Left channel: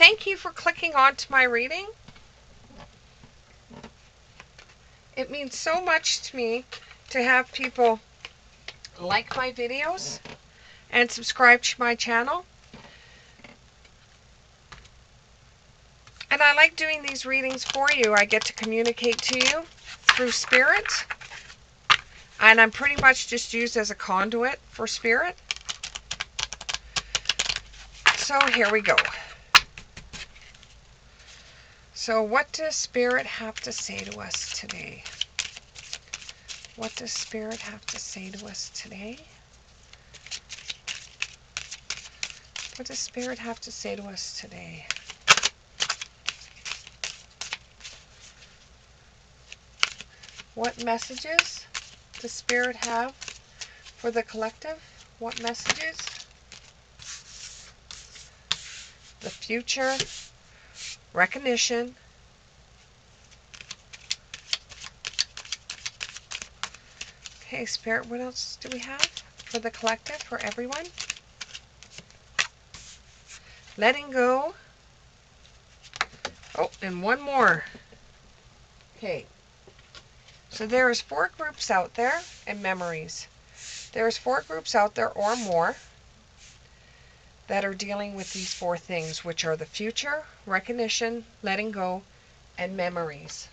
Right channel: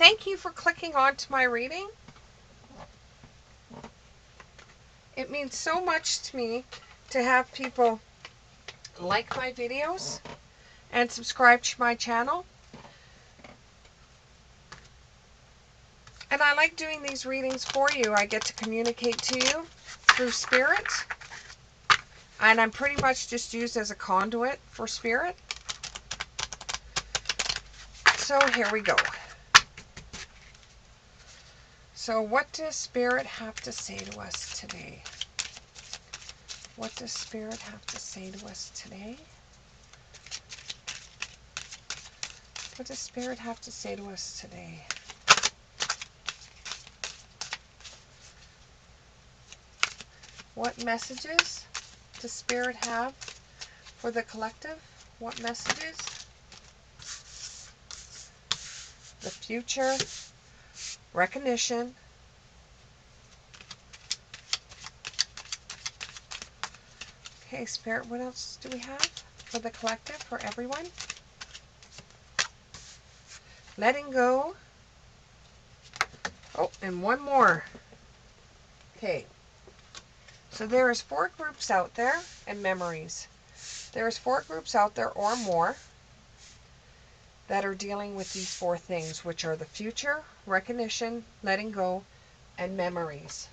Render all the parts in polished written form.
thank you for clicking on to my reading. It means so much to me to have people like my videos and subscribe to my channel. And I like doing these readings for you. I get to communicate to you through spirit. And I'm pretty much just used as a conduit for spirit. So here we go. So what does spirit have to say to us today? What does spirit have to say to us today? What does spirit have to say to us today? What messages does spirit have for the collective? What messages? The future, recognition, okay, spirit, what else do we have for the collective, for everyone? Letting go. Oh, and one more. Okay. So there's 4 groups out there and memories. There's 4 groups out there or more that are dealing with these 4 things, which are the future, recognition, letting go, and memories.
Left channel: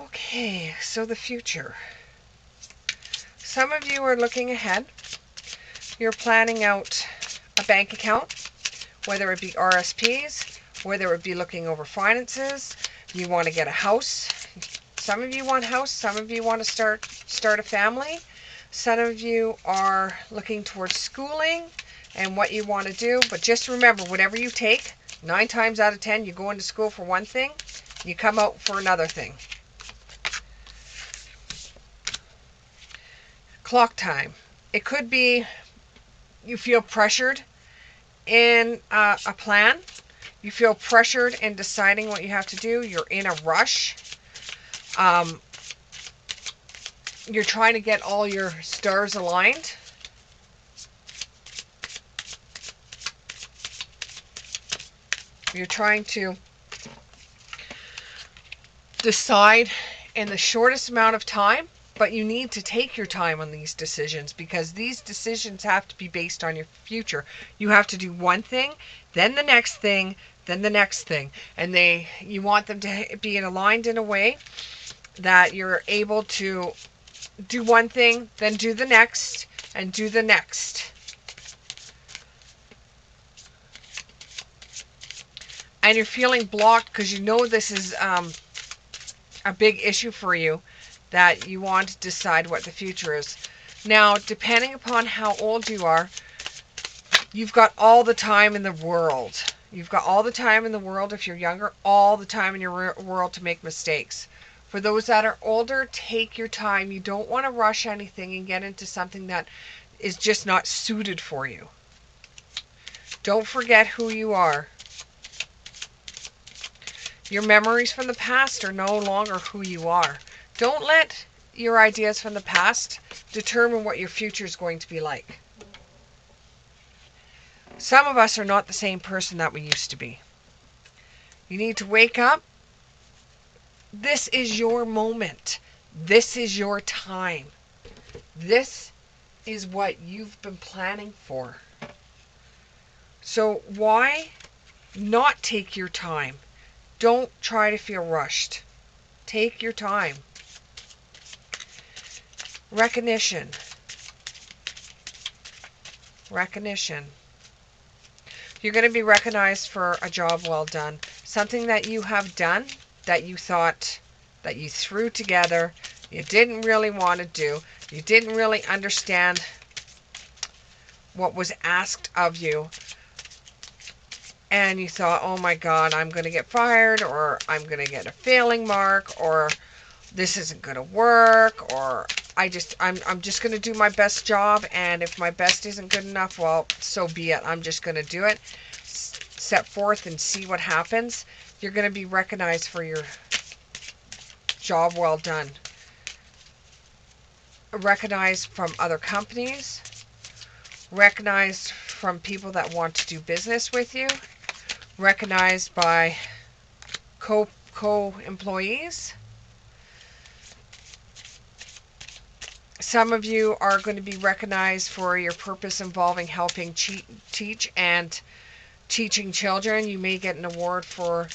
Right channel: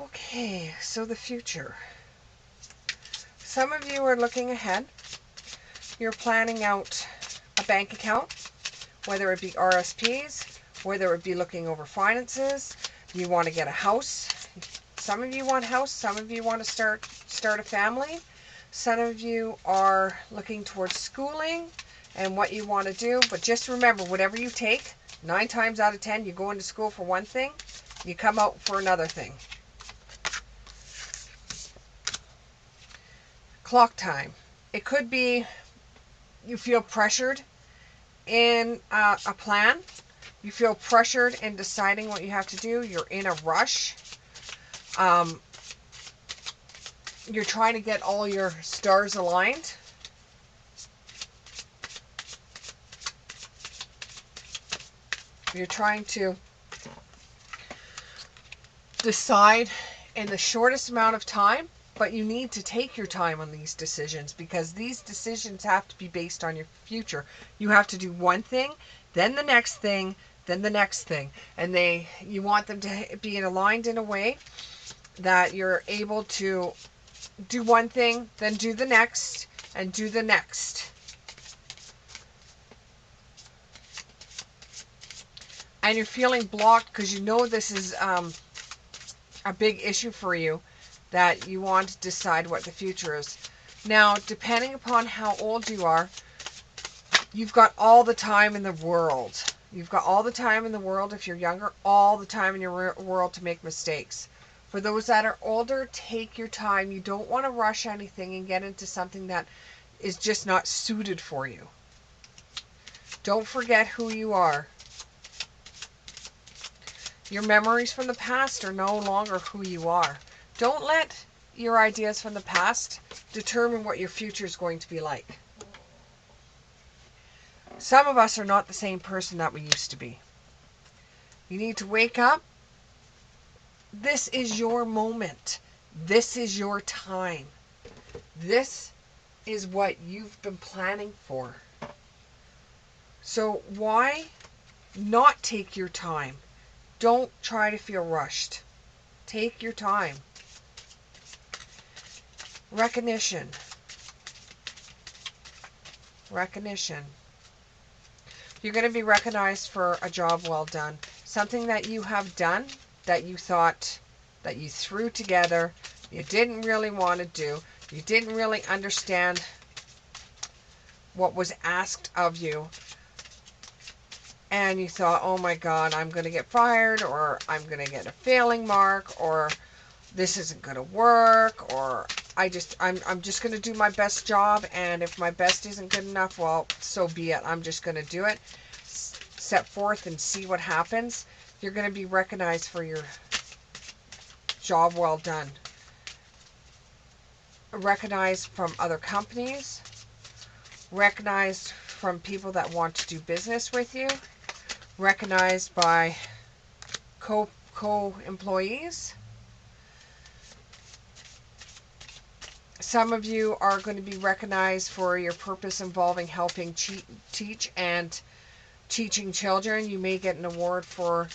Okay, so the future. Some of you are looking ahead. You're planning out a bank account, whether it be RSPs, whether it be looking over finances. You want to get a house. Some of you want a house. Some of you want to start a family. Some of you are looking towards schooling and what you want to do. But just remember, whatever you take, 9 times out of 10, you go into school for one thing, you come out for another thing. Clock time. It could be you feel pressured in a plan. You feel pressured in deciding what you have to do. You're in a rush. You're trying to get all your stars aligned. You're trying to decide in the shortest amount of time, but you need to take your time on these decisions because these decisions have to be based on your future. You have to do one thing, then the next thing, then the next thing. And you want them to be aligned in a way that you're able to do one thing, then do the next, and do the next. And you're feeling blocked because you know this is a big issue for you, that you want to decide what the future is. Now, depending upon how old you are, you've got all the time in the world. You've got all the time in the world, if you're younger, all the time in your world to make mistakes. For those that are older, take your time. You don't want to rush anything and get into something that is just not suited for you. Don't forget who you are. Your memories from the past are no longer who you are. Don't let your ideas from the past determine what your future is going to be like. Some of us are not the same person that we used to be. You need to wake up. This is your moment. This is your time. This is what you've been planning for. So why not take your time? Don't try to feel rushed. Take your time. Recognition. Recognition. You're going to be recognized for a job well done. Something that you have done that you thought that you threw together, you didn't really want to do, you didn't really understand what was asked of you, and you thought, oh my God, I'm going to get fired, or I'm going to get a failing mark, or this isn't going to work, or I'm just going to do my best job, and if my best isn't good enough, well, so be it. I'm just going to do it. Set forth and see what happens. You're going to be recognized for your job well done. recognized from other companies, recognized from people that want to do business with you, recognized by co-employees. Some of you are going to be recognized for your purpose involving helping teach and teaching children. You may get an award for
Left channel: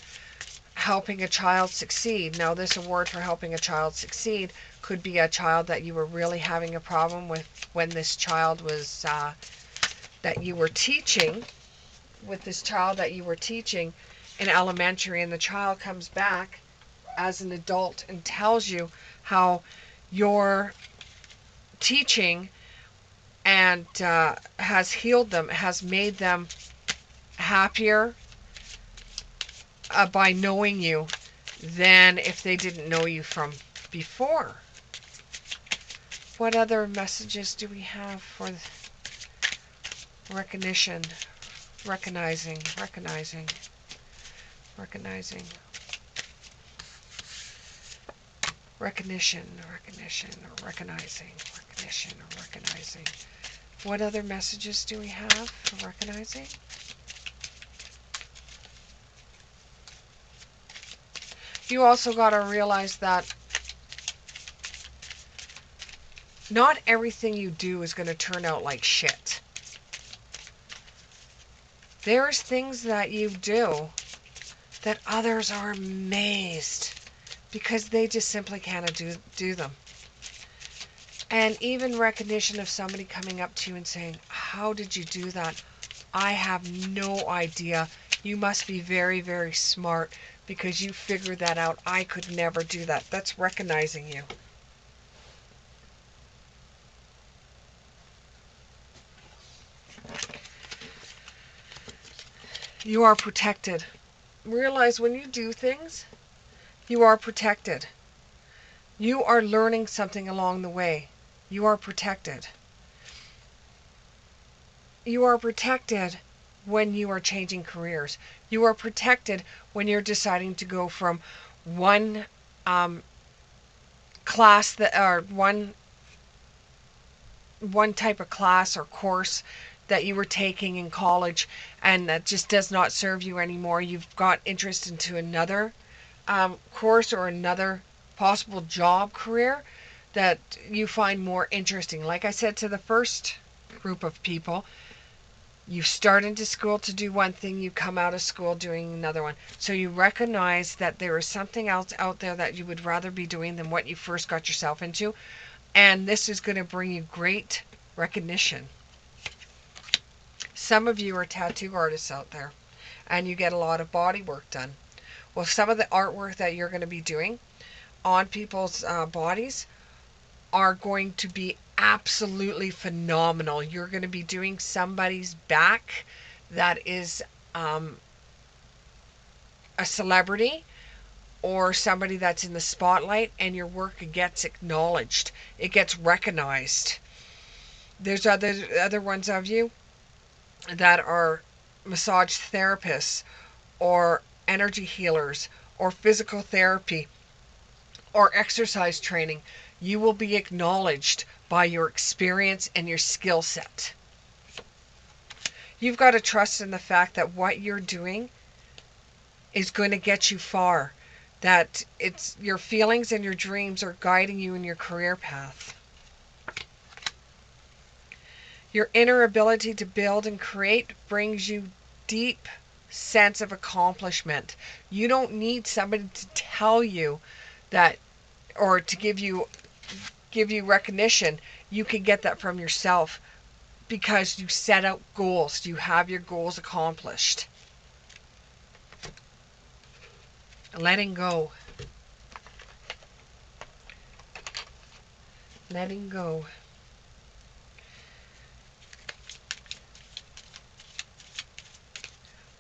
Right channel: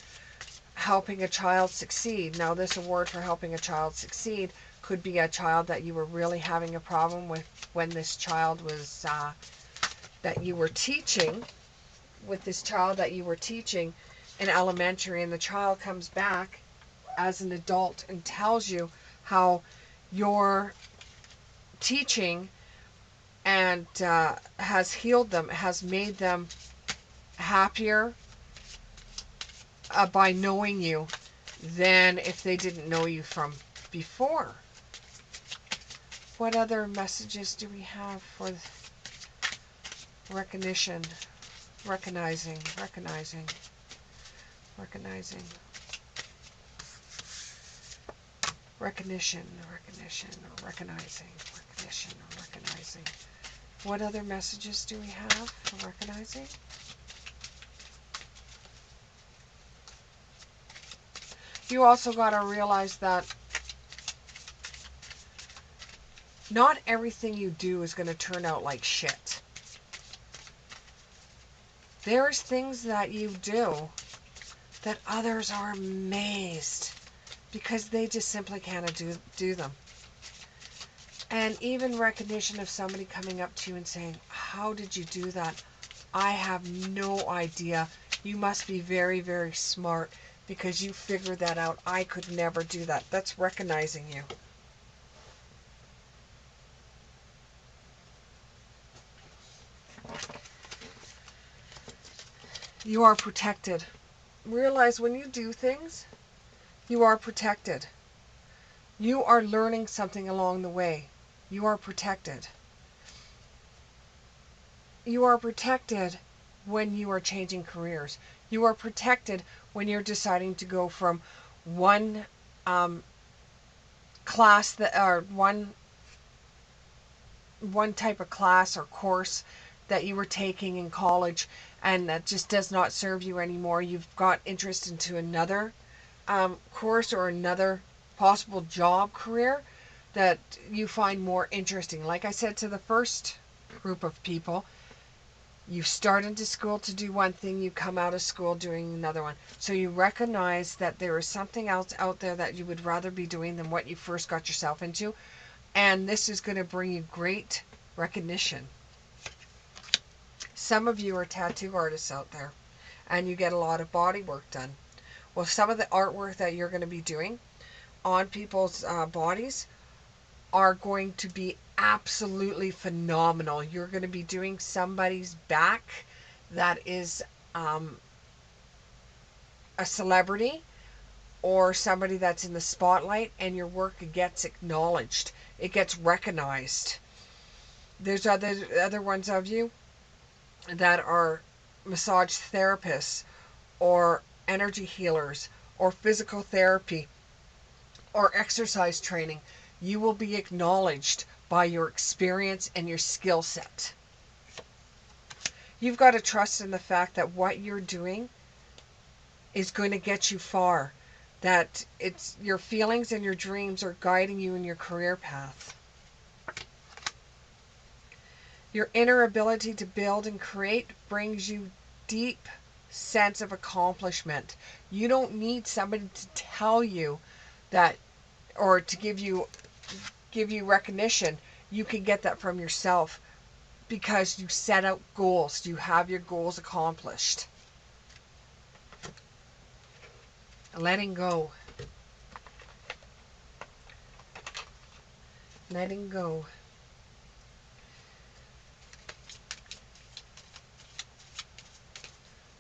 helping a child succeed. Now, this award for helping a child succeed could be a child that you were really having a problem with when this child was, that you were teaching, with this child that you were teaching in elementary, and the child comes back as an adult and tells you how your teaching and has healed them, has made them happier by knowing you than if they didn't know you from before. What other messages do we have for recognition? Recognizing. Recognizing, recognition, recognizing, recognizing. What other messages do we have for recognizing? You also got to realize that not everything you do is going to turn out like shit. There's things that you do that others are amazed because they just simply can't do them. And even recognition of somebody coming up to you and saying, how did you do that? I have no idea. You must be very, very smart because you figured that out. I could never do that. That's recognizing you. You are protected. Realize when you do things, you are protected. You are learning something along the way. You are protected. You are protected when you are changing careers. You are protected when you're deciding to go from one class that, or one type of class or course that you were taking in college and that just does not serve you anymore. You've got interest into another course or another possible job career that you find more interesting. Like I said to the first group of people, you start into school to do one thing, you come out of school doing another one. So you recognize that there is something else out there that you would rather be doing than what you first got yourself into. And this is going to bring you great recognition. Some of you are tattoo artists out there and you get a lot of body work done. Well, some of the artwork that you're going to be doing on people's bodies are going to be absolutely phenomenal. You're going to be doing somebody's back that is a celebrity or somebody that's in the spotlight, and your work gets acknowledged. It gets recognized. There's other ones of you that are massage therapists or energy healers or physical therapy or exercise training. You will be acknowledged by your experience and your skill set. You've got to trust in the fact that what you're doing is going to get you far. That it's your feelings and your dreams are guiding you in your career path. Your inner ability to build and create brings you deep sense of accomplishment. You don't need somebody to tell you that, or to give you recognition. You can get that from yourself because you set out goals. You have your goals accomplished. Letting go. Letting go.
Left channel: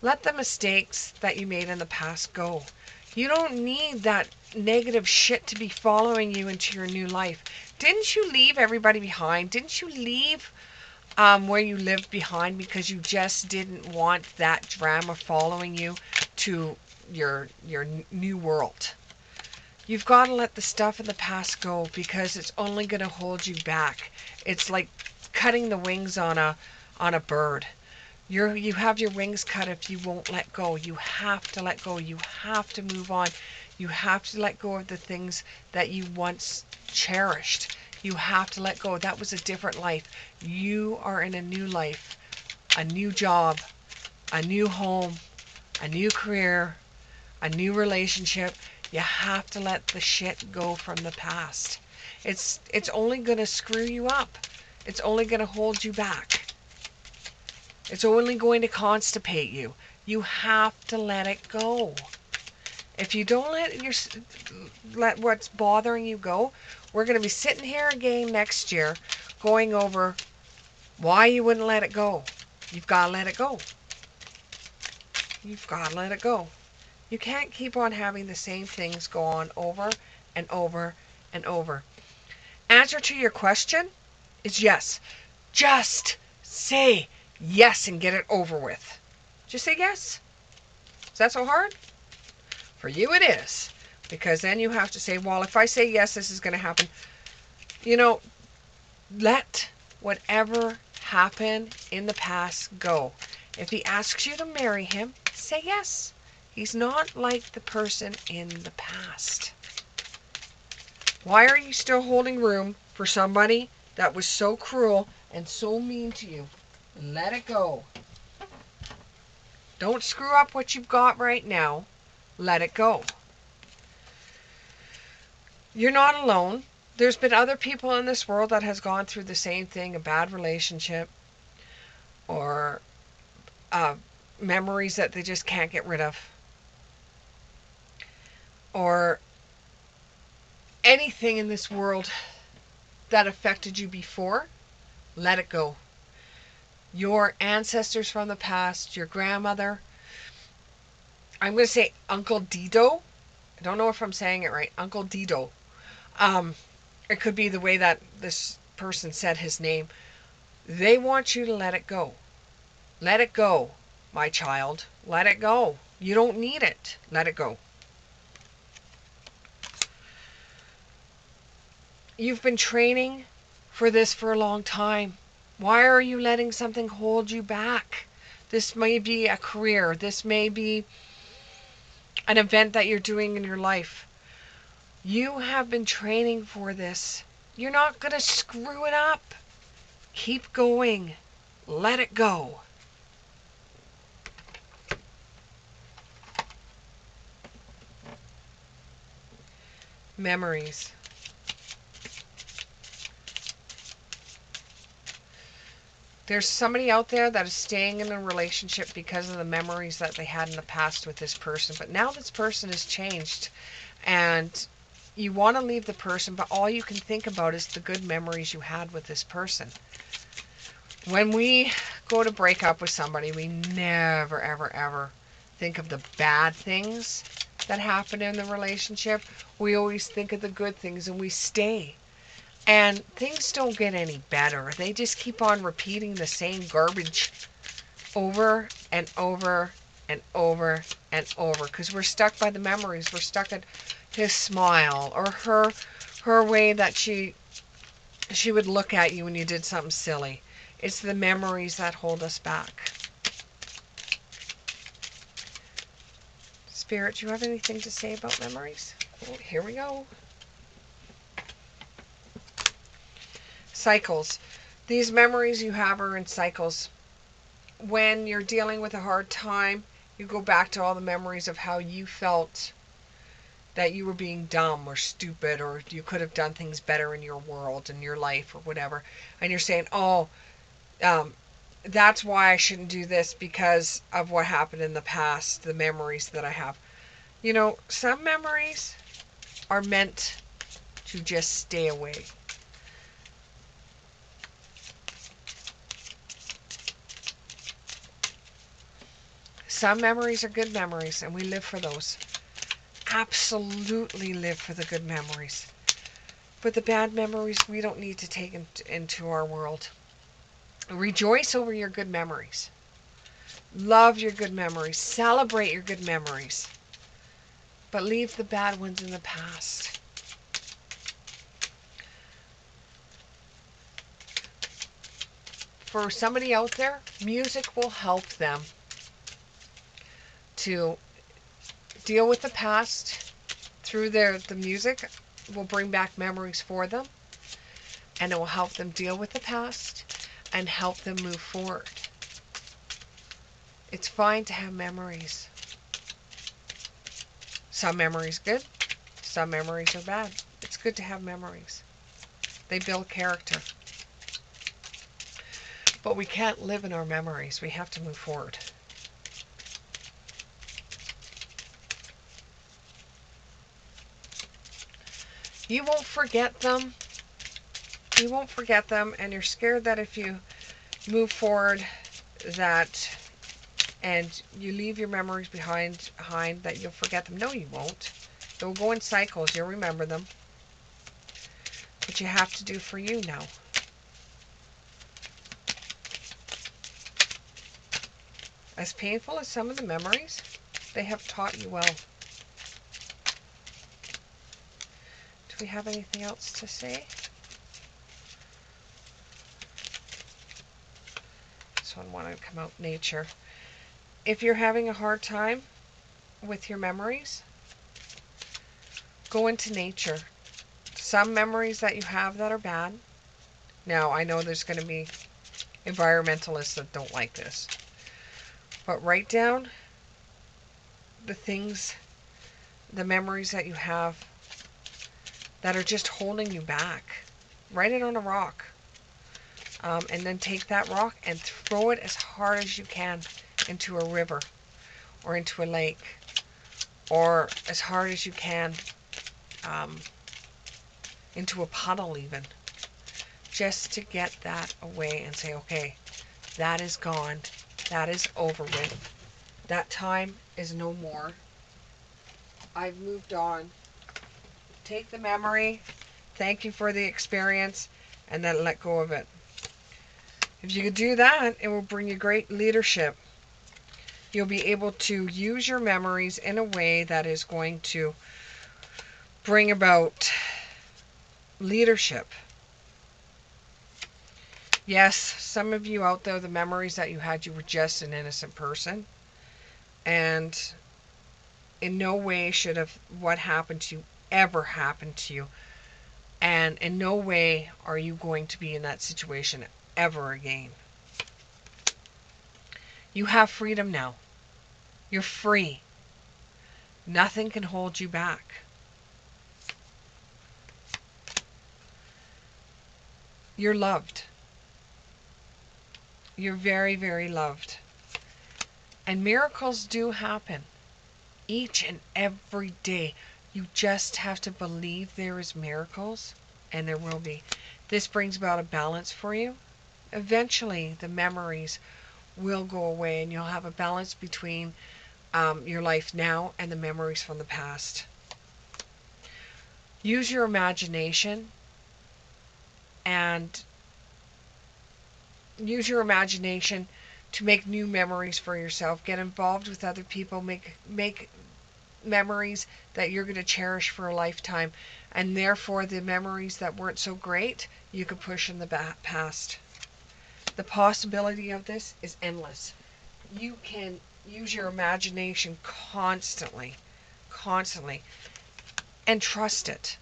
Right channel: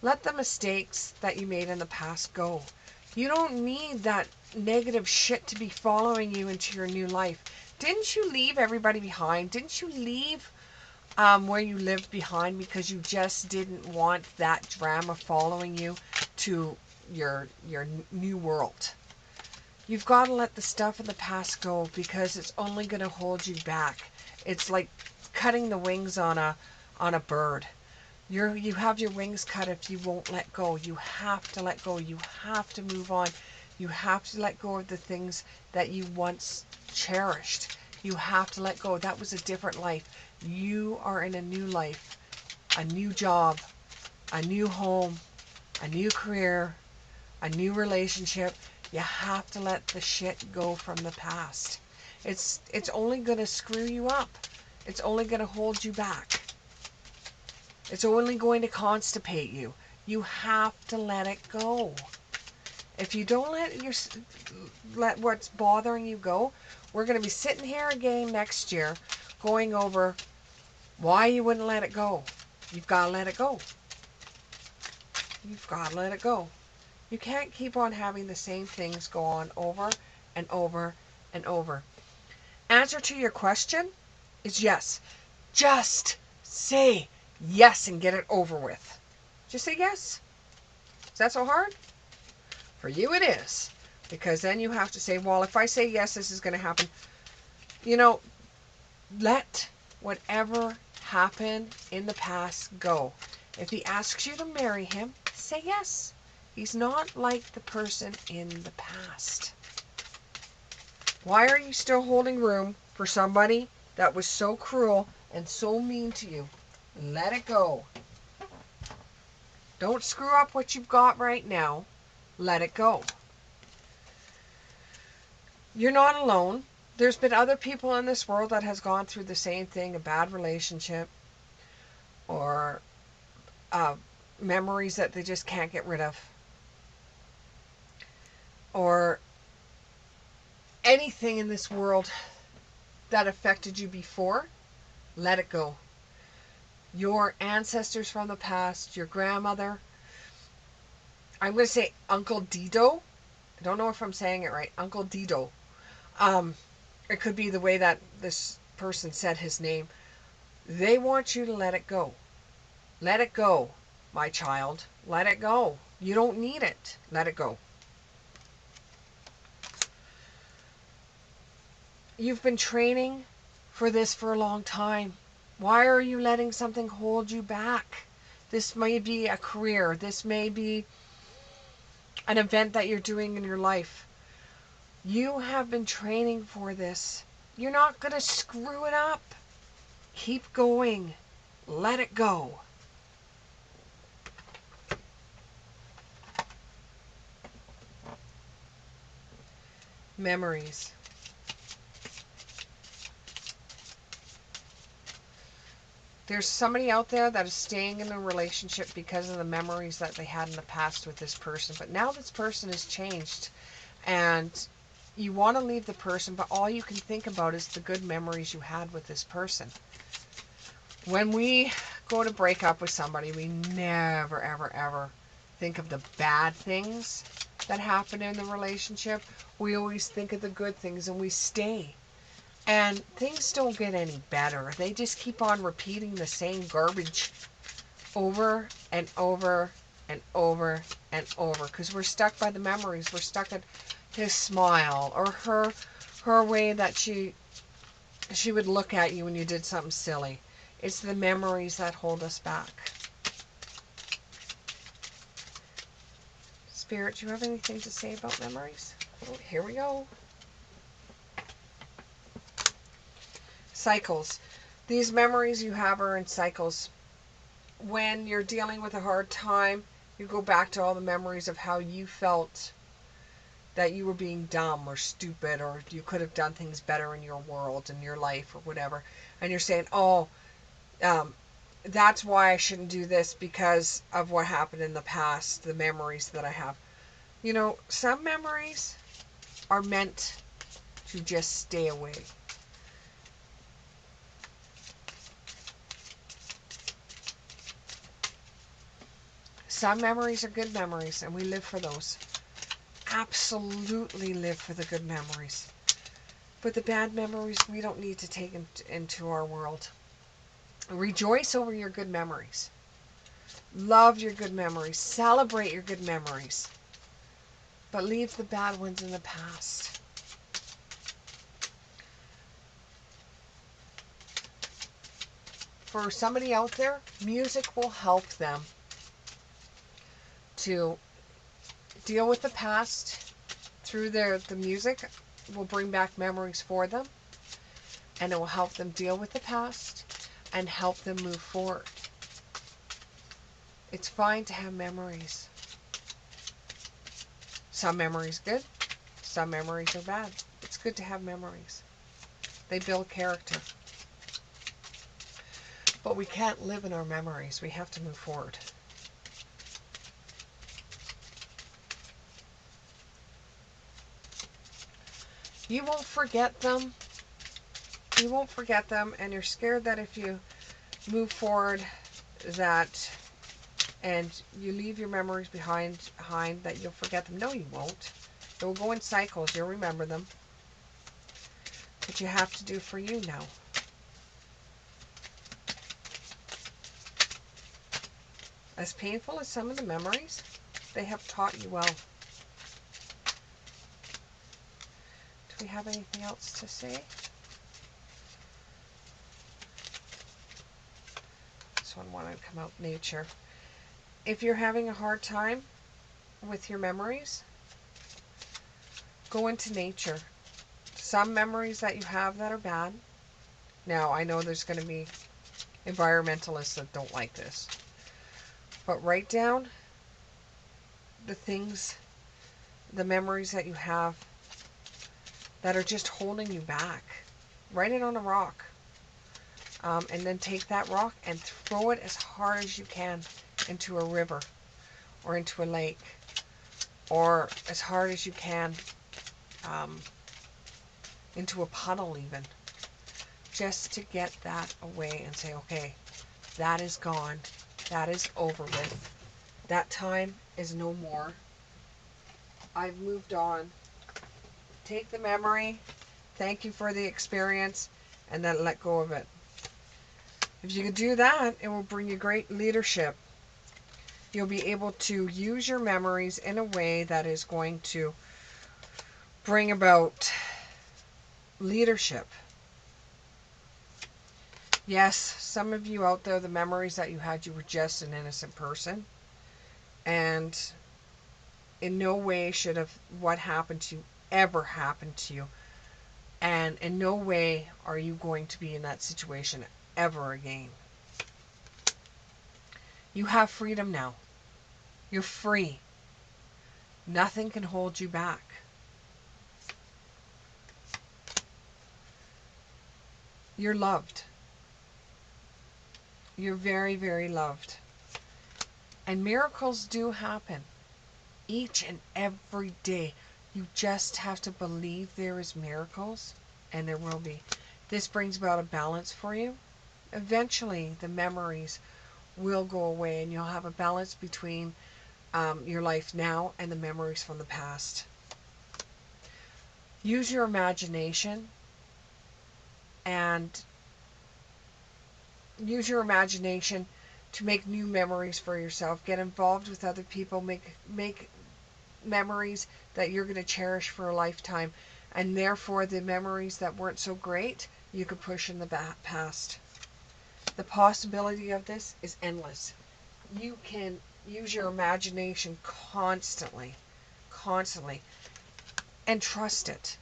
Let the mistakes that you made in the past go. You don't need that negative shit to be following you into your new life. Didn't you leave everybody behind? Didn't you leave where you lived behind because you just didn't want that drama following you to your new world? You've got to let the stuff in the past go because it's only going to hold you back. It's like cutting the wings on a bird. You have your wings cut if you won't let go. You have to let go. You have to move on. You have to let go of the things that you once cherished. You have to let go. That was a different life. You are in a new life, a new job, a new home, a new career, a new relationship. You have to let the shit go from the past. It's only going to screw you up. It's only going to hold you back. It's only going to constipate you. You have to let it go. If you don't let what's bothering you go, we're going to be sitting here again next year going over why you wouldn't let it go. You've got to let it go. You've got to let it go. You can't keep on having the same things go on over and over and over. Answer to your question is yes. Just say yes and get it over with. Just say yes. Is that so hard? For you it is. Because then you have to say, well, if I say yes, this is going to happen. You know, let whatever happened in the past go. If he asks you to marry him, say yes. He's not like the person in the past. Why are you still holding room for somebody that was so cruel and so mean to you? Let it go. Don't screw up what you've got right now. Let it go. You're not alone. There's been other people in this world that has gone through the same thing, a bad relationship or memories that they just can't get rid of. Or anything in this world that affected you before, let it go. Your ancestors from the past, your grandmother, I'm going to say Uncle Dido. I don't know if I'm saying it right. Uncle Dido. It could be the way that this person said his name. They want you to let it go. Let it go, my child. Let it go. You don't need it. Let it go. You've been training for this for a long time. Why are you letting something hold you back? This may be a career. This may be an event that you're doing in your life. You have been training for this. You're not going to screw it up. Keep going. Let it go. Memories. There's somebody out there that is staying in a relationship because of the memories that they had in the past with this person. But now this person has changed and you want to leave the person, but all you can think about is the good memories you had with this person. When we go to break up with somebody, we never, ever, ever think of the bad things that happened in the relationship. We always think of the good things and we stay. And things don't get any better. They just keep on repeating the same garbage over and over and over and over. Because we're stuck by the memories. We're stuck at his smile or her way that she would look at you when you did something silly. It's the memories that hold us back. Spirit, do you have anything to say about memories? Oh, here we go. Cycles. These memories you have are in cycles. When you're dealing with a hard time, you go back to all the memories of how you felt that you were being dumb or stupid or you could have done things better in your world, in your life or whatever. And you're saying, oh, that's why I shouldn't do this because of what happened in the past, the memories that I have. You know, some memories are meant to just stay away. Some memories are good memories, and we live for those. Absolutely live for the good memories. But the bad memories, we don't need to take into our world. Rejoice over your good memories. Love your good memories. Celebrate your good memories. but leave the bad ones in the past. For somebody out there, music will help them to deal with the past through the music will bring back memories for them, and it will help them deal with the past and help them move forward. It's fine to have memories. Some memories good, some memories are bad. It's good to have memories. They build character. But we can't live in our memories. We have to move forward. You won't forget them. You won't forget them, and you're scared that if you move forward and you leave your memories behind that you'll forget them. No, you won't. They'll go in cycles. You'll remember them. But you have to do for you now. As painful as some of the memories, they have taught you well. Do we have anything else to say? This one wanted to come out, nature. If you're having a hard time with your memories, go into nature. Some memories that you have that are bad. Now, I know there's going to be environmentalists that don't like this. But write down the things, the memories that you have that are just holding you back. Write it on a rock. And then take that rock and throw it as hard as you can into a river or into a lake, or as hard as you can into a puddle even, just to get that away and say, okay, that is gone. That is over with. That time is no more. I've moved on. Take the memory, thank you for the experience, and then let go of it. If you do that, it will bring you great leadership. You'll be able to use your memories in a way that is going to bring about leadership. Yes, some of you out there, the memories that you had, you were just an innocent person. And in no way should have what happened to you ever happened to you. And in no way are you going to be in that situation ever again. You have freedom now. You're free. Nothing can hold you back. You're loved. You're very, very loved. And miracles do happen each and every day. You just have to believe there is miracles, and there will be. This brings about a balance for you. Eventually, the memories will go away, and you'll have a balance between your life now and the memories from the past. Use your imagination and use your imagination to make new memories for yourself. Get involved with other people. Make memories that you're going to cherish for a lifetime. And therefore, the memories that weren't so great, you could push in the past. The possibility of this is endless. You can use your imagination constantly, and trust it.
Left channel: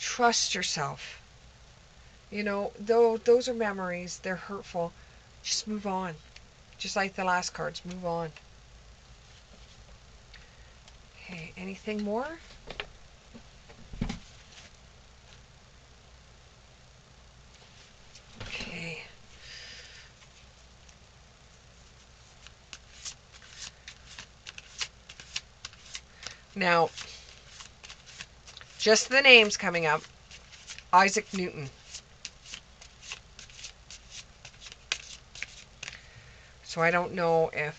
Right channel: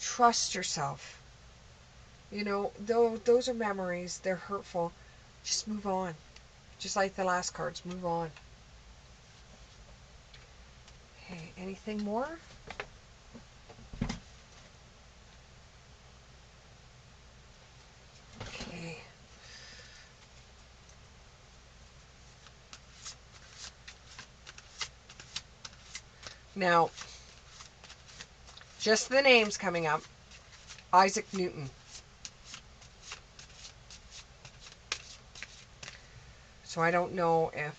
Trust yourself. You know, though those are memories, they're hurtful. Just move on. Just like the last cards, move on. Okay, anything more? Okay. Now, just the names coming up. Isaac Newton. So I don't know if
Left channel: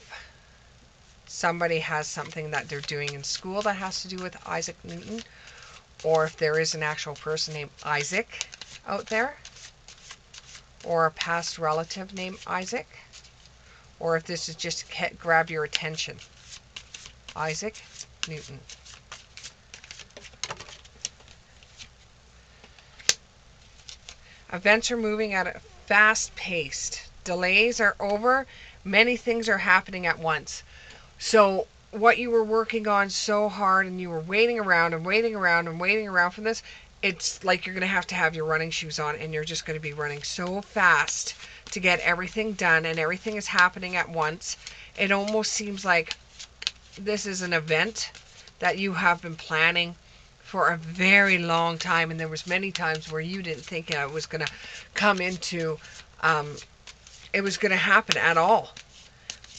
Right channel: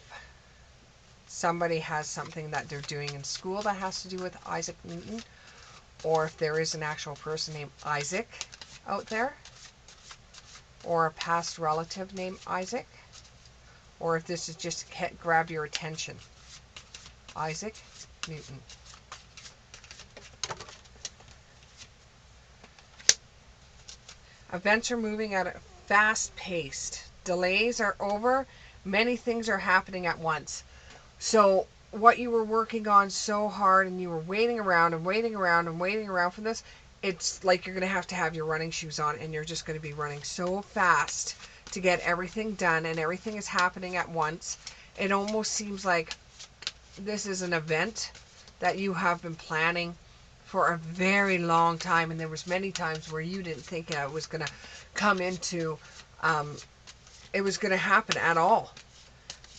somebody has something that they're doing in school that has to do with Isaac Newton, or if there is an actual person named Isaac out there, or a past relative named Isaac, or if this is just grab your attention. Isaac Newton. Events are moving at a fast pace. Delays are over. Many things are happening at once. So what you were working on so hard and you were waiting around and waiting around and waiting around for this, it's like you're going to have your running shoes on and you're just going to be running so fast to get everything done, and everything is happening at once. It almost seems like this is an event that you have been planning for a very long time, and there was many times where you didn't think it was going to come into it was going to happen at all,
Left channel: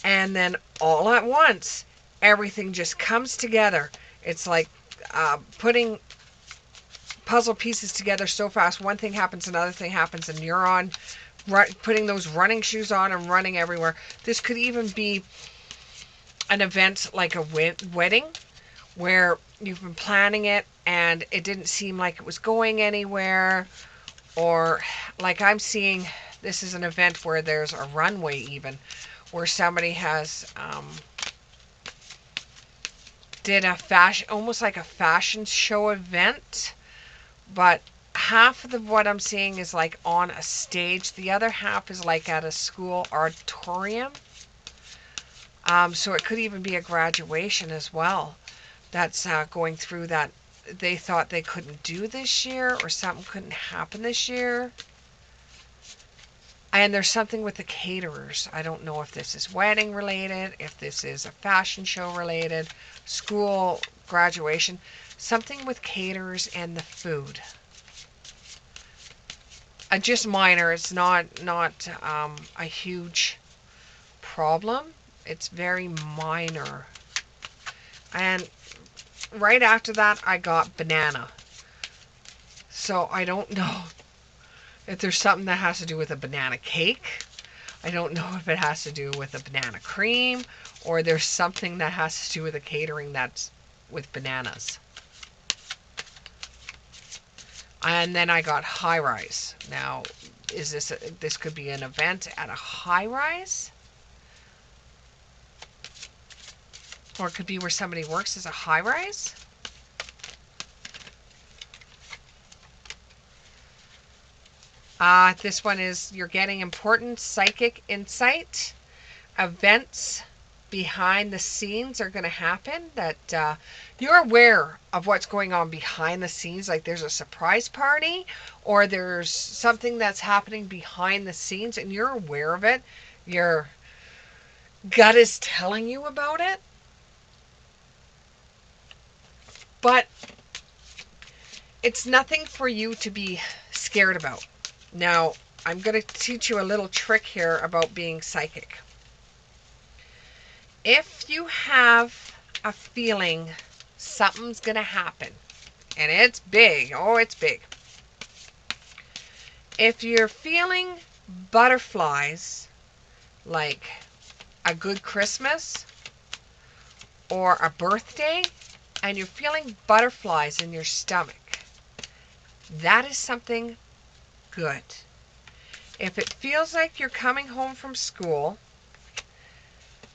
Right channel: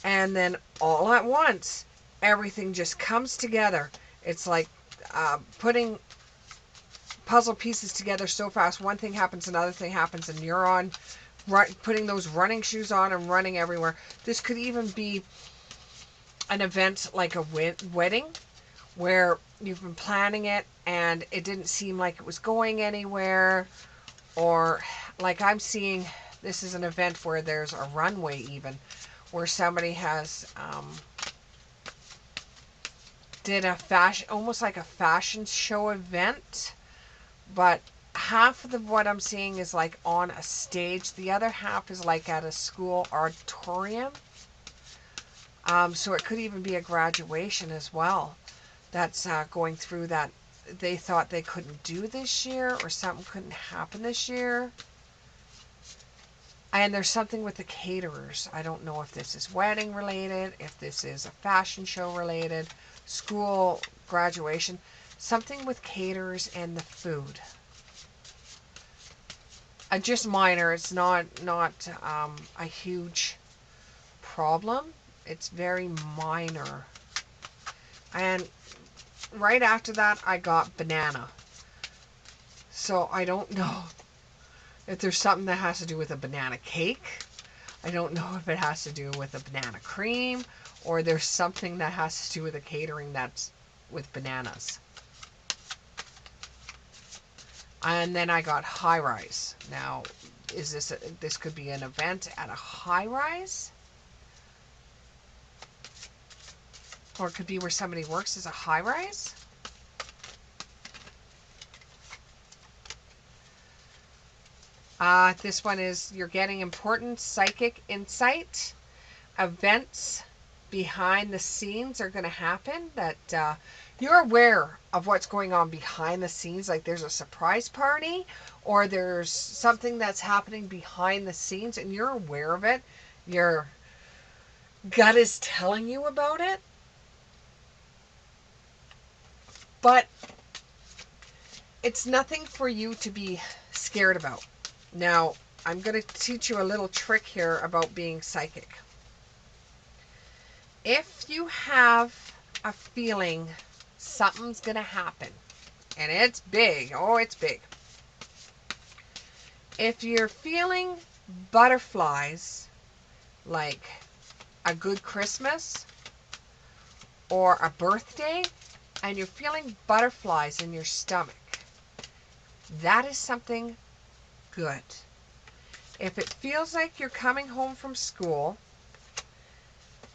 and then all at once everything just comes together. It's like putting puzzle pieces together so fast. One thing happens, another thing happens, and you're on putting those running shoes on and running everywhere. This could even be an event like a wedding where you've been planning it and it didn't seem like it was going anywhere. Or like I'm seeing, this is an event where there's a runway even, where somebody has did a fashion, almost like a fashion show event, but half of what I'm seeing is like on a stage. The other half is like at a school auditorium. So it could even be a graduation as well. That's going through that. They thought they couldn't do this year, or something couldn't happen this year. And there's something with the caterers. I don't know if this is wedding related, if this is a fashion show related, school graduation, something with caterers and the food. Just minor. It's not a huge problem. It's very minor. And right after that, I got banana. So I don't know if there's something that has to do with a banana cake. I don't know if it has to do with a banana cream, or there's something that has to do with a catering that's with bananas. And then I got high rise. Now, is this could be an event at a high rise? Or it could be where somebody works as a high rise? This one is you're getting important psychic insight. Events behind the scenes are going to happen that you're aware of what's going on behind the scenes. Like there's a surprise party or there's something that's happening behind the scenes and you're aware of it. Your gut is telling you about it. But it's nothing for you to be scared about. Now, I'm going to teach you a little trick here about being psychic. If you have a feeling something's going to happen, and it's big, oh, it's big. If you're feeling butterflies, like a good Christmas or a birthday, and you're feeling butterflies in your stomach, that is something good. If it feels like you're coming home from school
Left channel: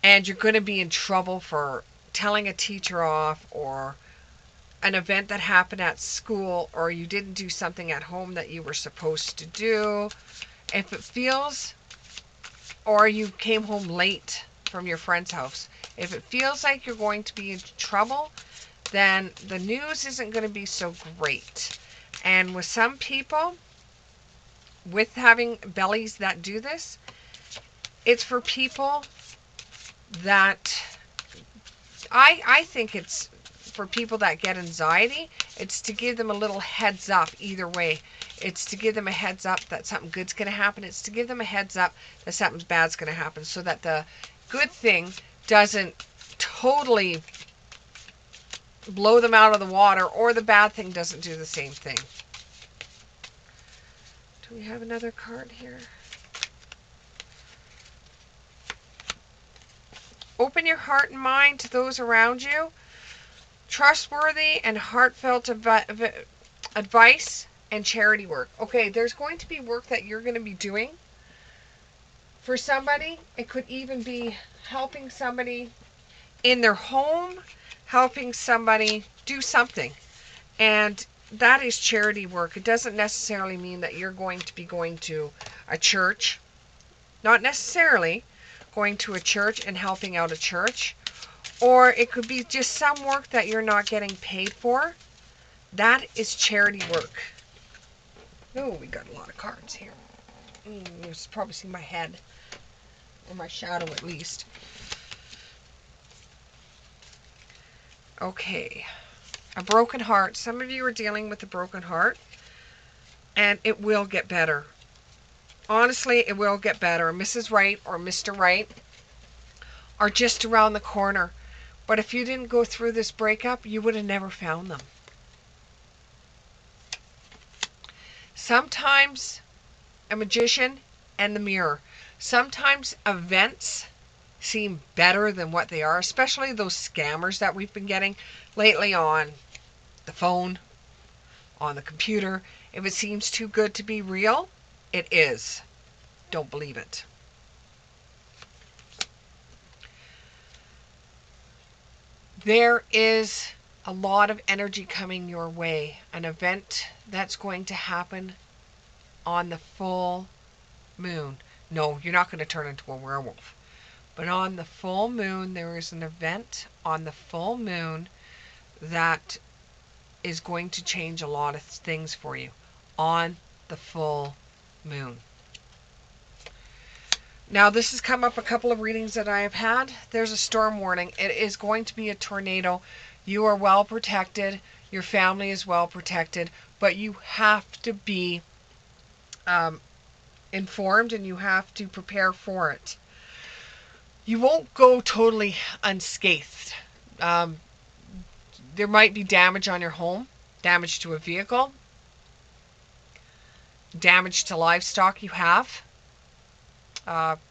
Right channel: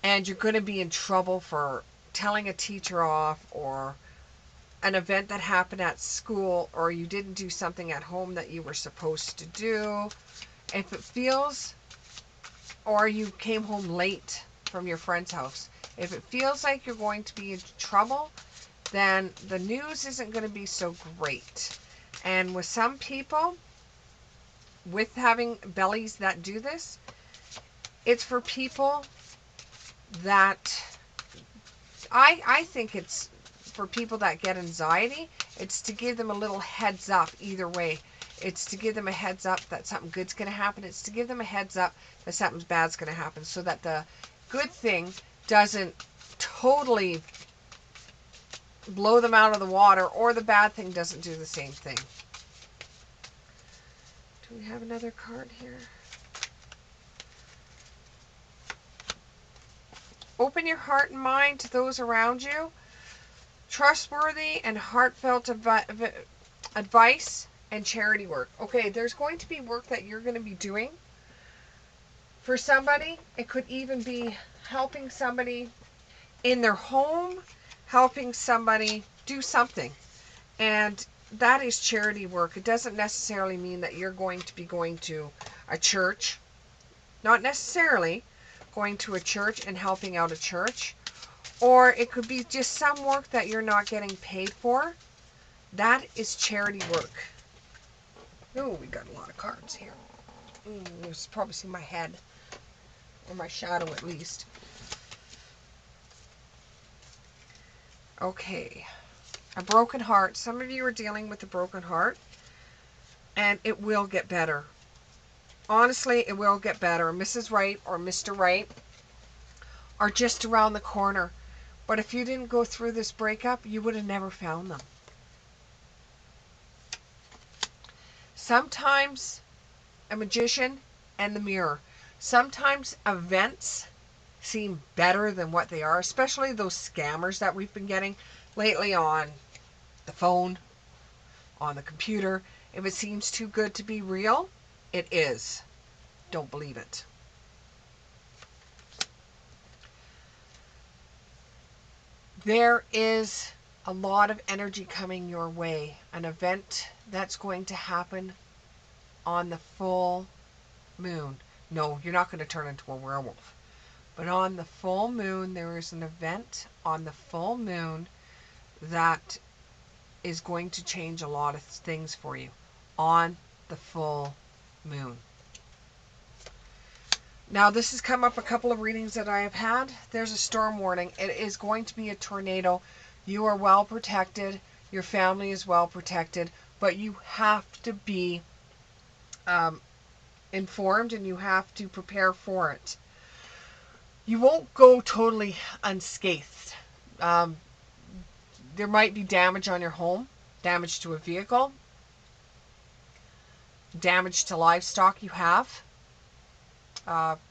and you're going to be in trouble for telling a teacher off, or an event that happened at school, or you didn't do something at home that you were supposed to do, if it feels, or you came home late from your friend's house, if it feels like you're going to be in trouble, then the news isn't going to be so great. And with some people, with having bellies that do this, it's for people that I think it's for people that get anxiety. It's to give them a little heads up either way. It's to give them a heads up that something good's going to happen. It's to give them a heads up that something bad's going to happen, so that the good thing doesn't totally blow them out of the water, or the bad thing doesn't do the same thing. Do we have another card here? Open your heart and mind to those around you. Trustworthy and heartfelt advice and charity work. Okay, there's going to be work that you're going to be doing for somebody. It could even be helping somebody in their home, helping somebody do something. And that is charity work. It doesn't necessarily mean that you're going to be going to a church. Not necessarily going to a church and helping out a church. Or it could be just some work that you're not getting paid for. That is charity work. Oh, we got a lot of cards here. You probably see my head. Or my shadow at least. Okay. A broken heart. Some of you are dealing with a broken heart. And it will get better. Honestly, it will get better. Mrs. Right or Mr. Right are just around the corner. But if you didn't go through this breakup, you would have never found them. Sometimes a magician and the mirror. Sometimes events seem better than what they are, especially those scammers that we've been getting lately on the phone, on the computer. If it seems too good to be real, it is. Don't believe it. There is a lot of energy coming your way. An event that's going to happen on the full moon. No, you're not going to turn into a werewolf. But on the full moon, there is an event on the full moon that is going to change a lot of things for you. On the full moon. Now, this has come up a couple of readings that I have had. There's a storm warning. It is going to be a tornado. You are well protected. Your family is well protected. But you have to be informed and you have to prepare for it. You won't go totally unscathed. There might be damage on your home, damage to a vehicle, damage to livestock you have,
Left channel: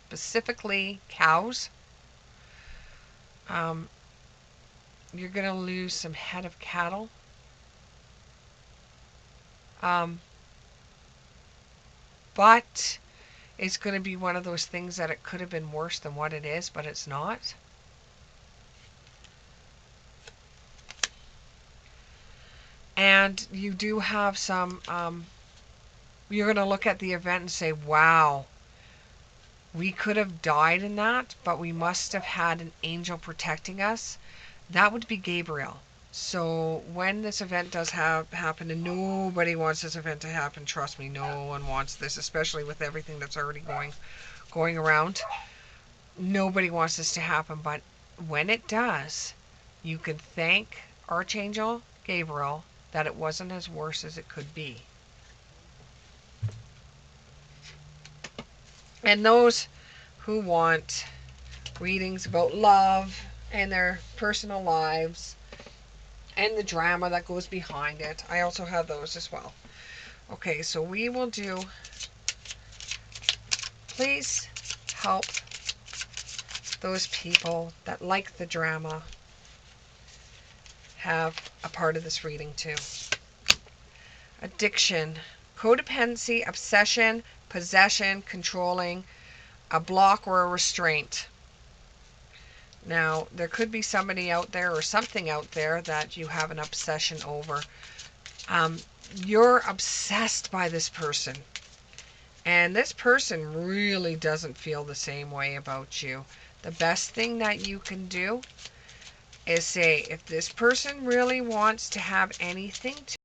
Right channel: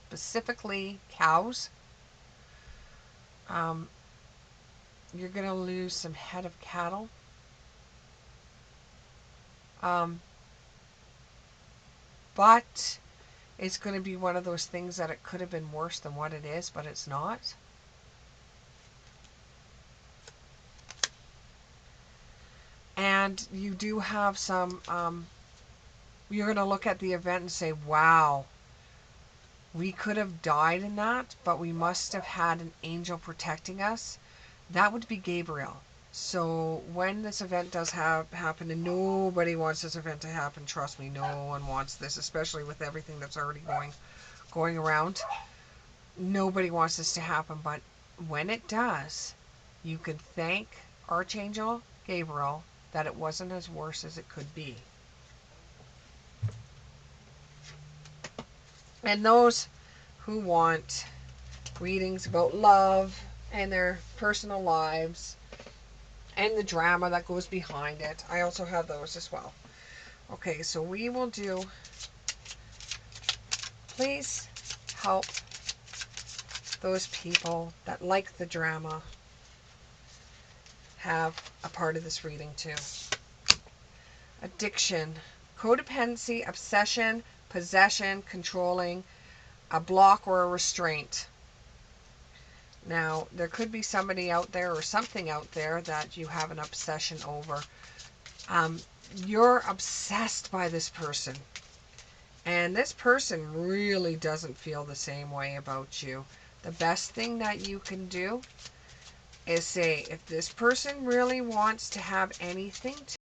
specifically cows. You're going to lose some head of cattle. But it's going to be one of those things that it could have been worse than what it is, but it's not. And you do have some, you're going to look at the event and say, wow, we could have died in that, but we must have had an angel protecting us. That would be Gabriel. So when this event does happen, and nobody wants this event to happen, trust me, no one wants this, especially with everything that's already going around. Nobody wants this to happen, but when it does, you can thank Archangel Gabriel that it wasn't as worse as it could be. And those who want readings about love and their personal lives and the drama that goes behind it, I also have those as well. Okay, so we will do, please help those people that like the drama have a part of this reading too. Addiction, codependency, obsession, possession, controlling, a block or a restraint. Now, there could be somebody out there or something out there that you have an obsession over. You're obsessed by this person. And this person really doesn't feel the same way about you. The best thing that you can do is say, if this person really wants to have anything to